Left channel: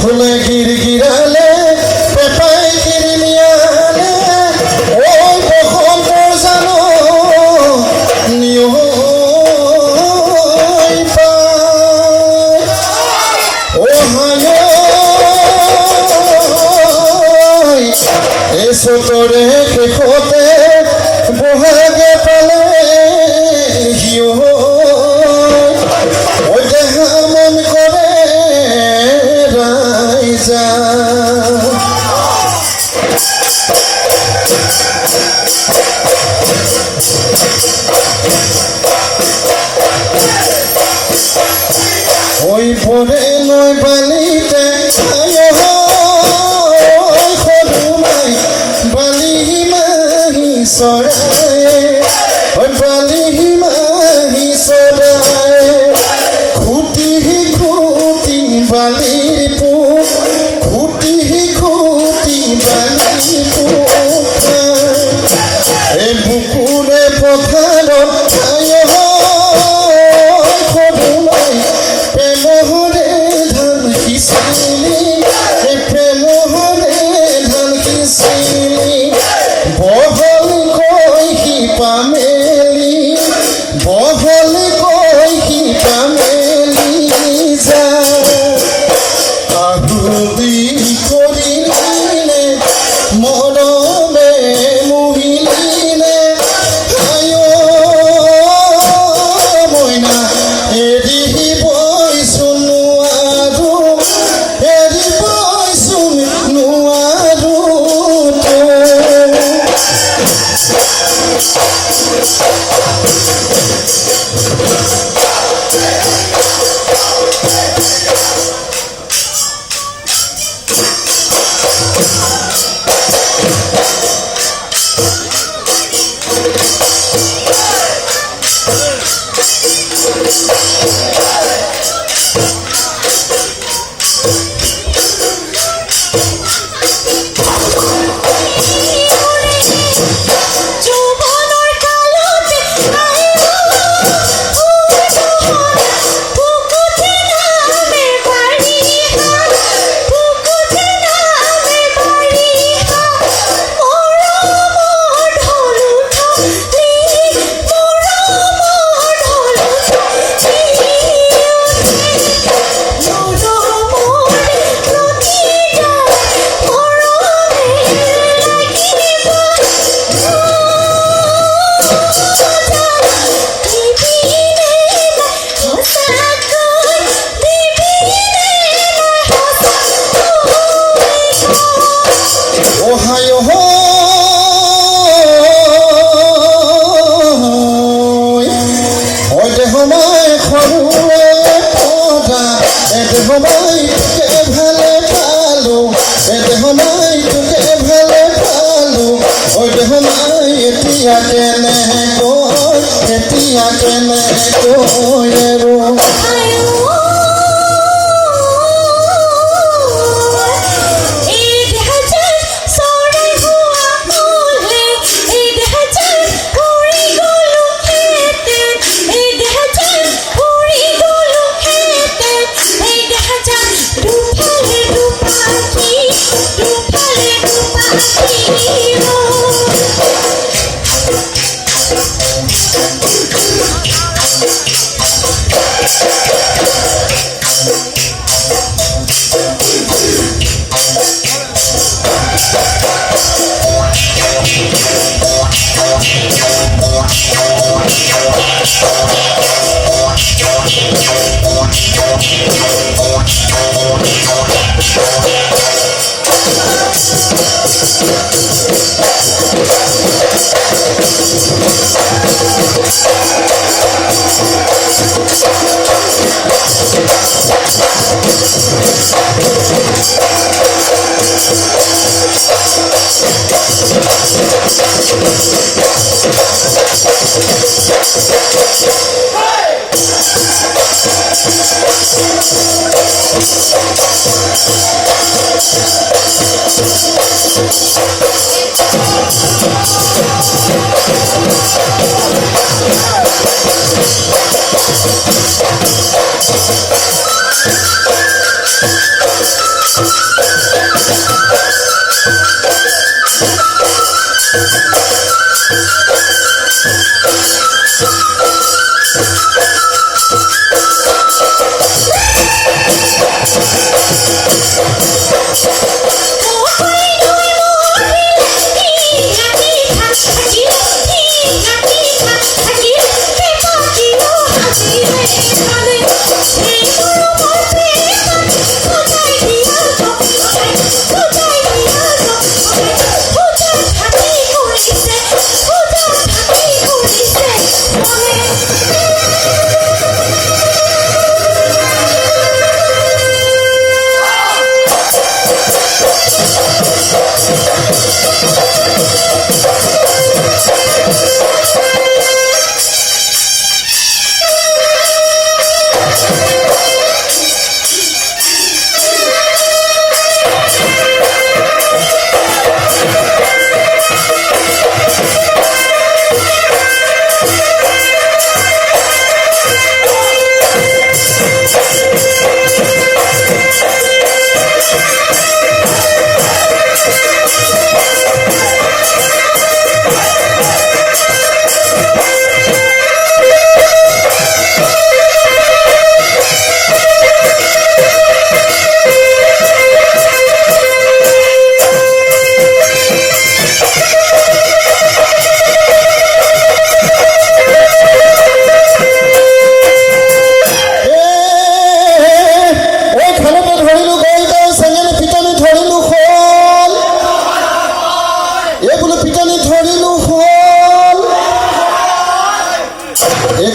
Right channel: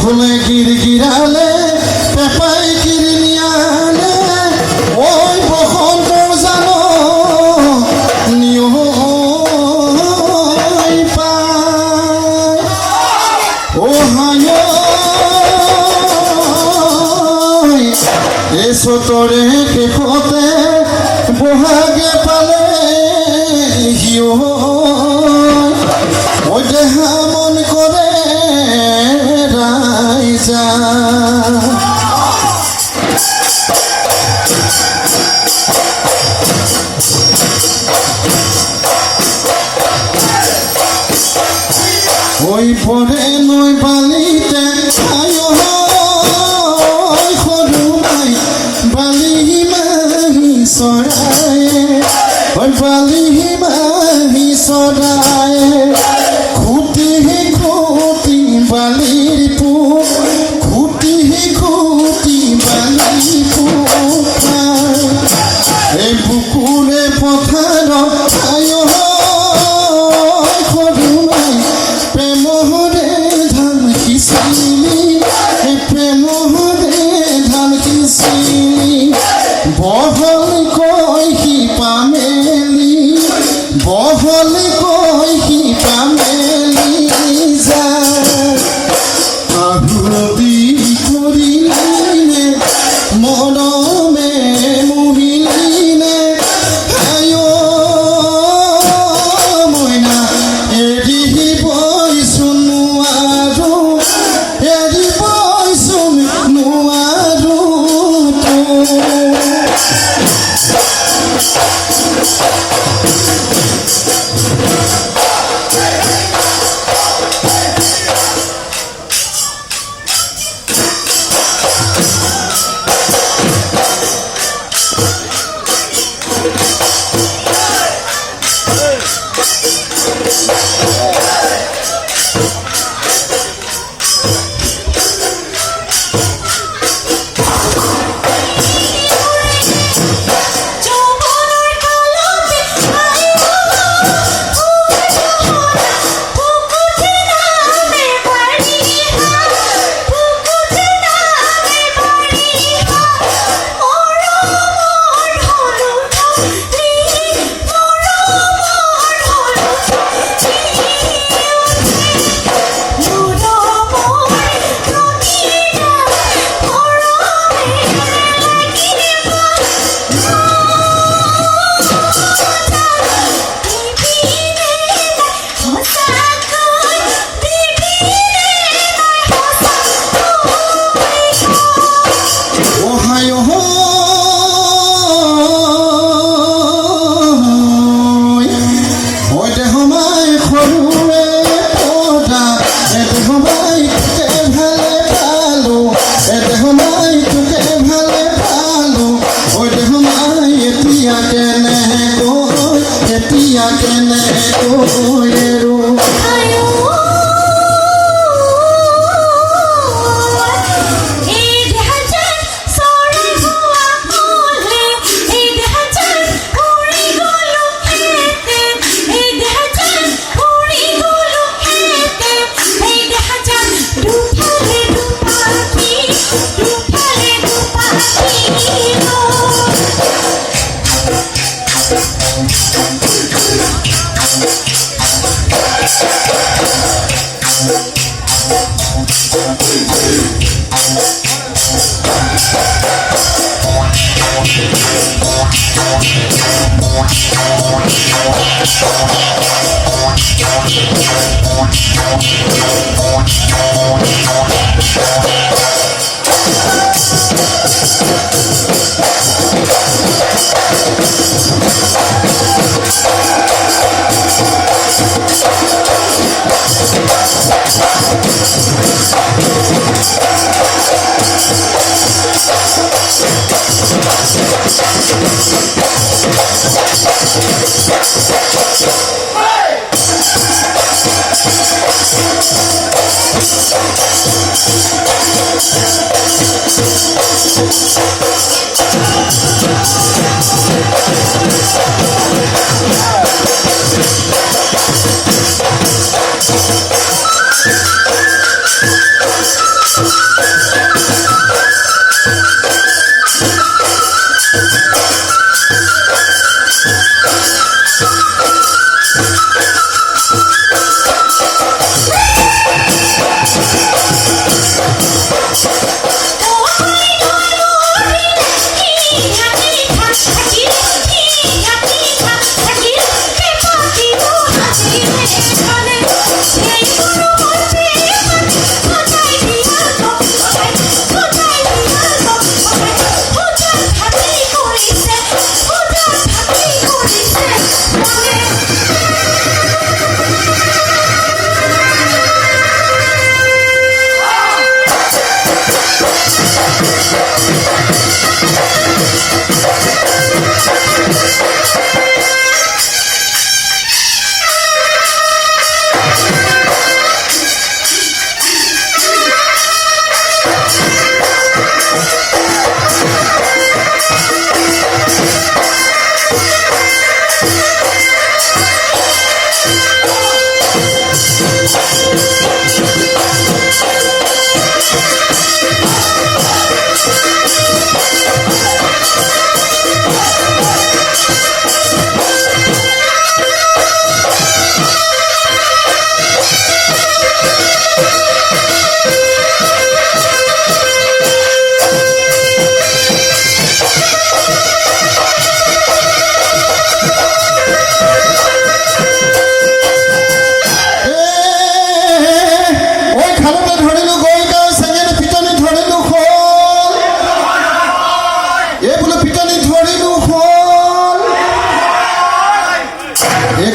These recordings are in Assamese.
ফুলে গিরগিরালে পেপাই গিরনিয়ালে ওই বহর জানো নিয়ই পায় ও হায় এসো তোরে কেপতে বহাগে পালে হিও ও দেহা মন করে ওই পরে নয় বালিতে সরুমাই বালি মাহি চৰায় ওই বালি মাহি চৰায় খুটি খুটি বালিৰ পোক খুটি খুটি বালিৰ পোক এই বুকুৰে পথাৰত প্রেমহরে ধান কিসিলি প্রেমহরে ধান কিসিলি বহল কহি পামেলি বহল কহি পামেলি যা আহুদি করিলে মরমে মুহিলে আয়ো মইনা এরি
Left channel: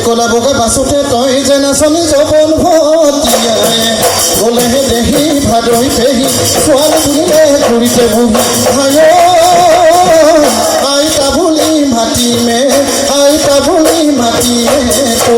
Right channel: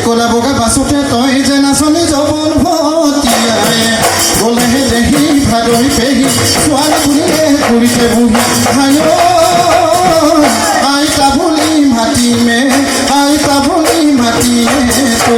কলা বগা বাছতে তই যে নাচনি জবন ভতিয়াই বলেহে দেহি ভাদৈ পেহি ছোৱালী বুলিলে ঘূৰিতে বহি আই পাবনি মাতিমে আই পাবনি মাতিমে তো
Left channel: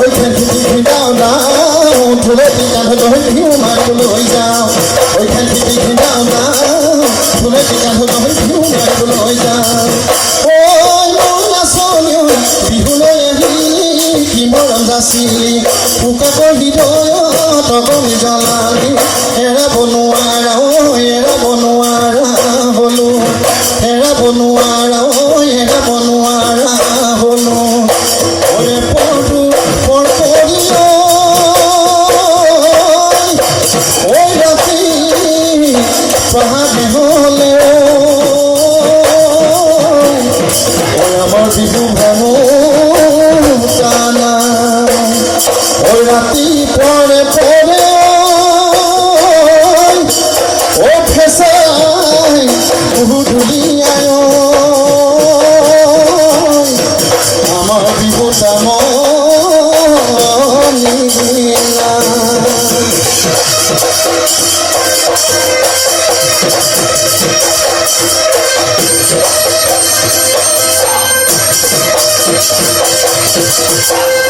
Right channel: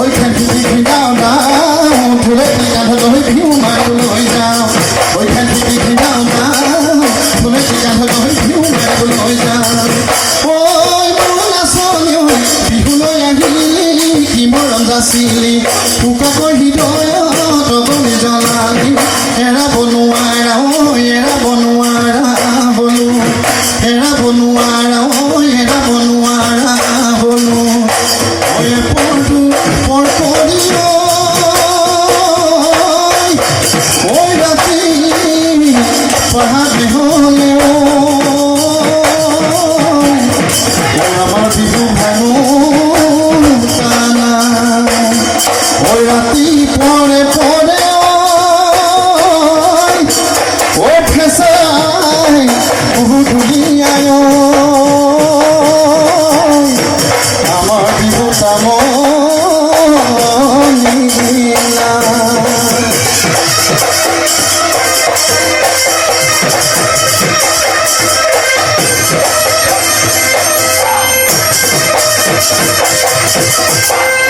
oi khanti khindao na thule ti kan ho hoi phiu ma loi jao oi khanti khindao na thule ti kan ho hoi phiu ma loi jao oi la sonyo bihu lo ya hi ki moram dasili puka ko hi do to ko ni jalali era bonuara bolu era bonuara bolu oye portu porporio oye ti pahabe hole amar bihu banu sana oye ti pore যাওঁ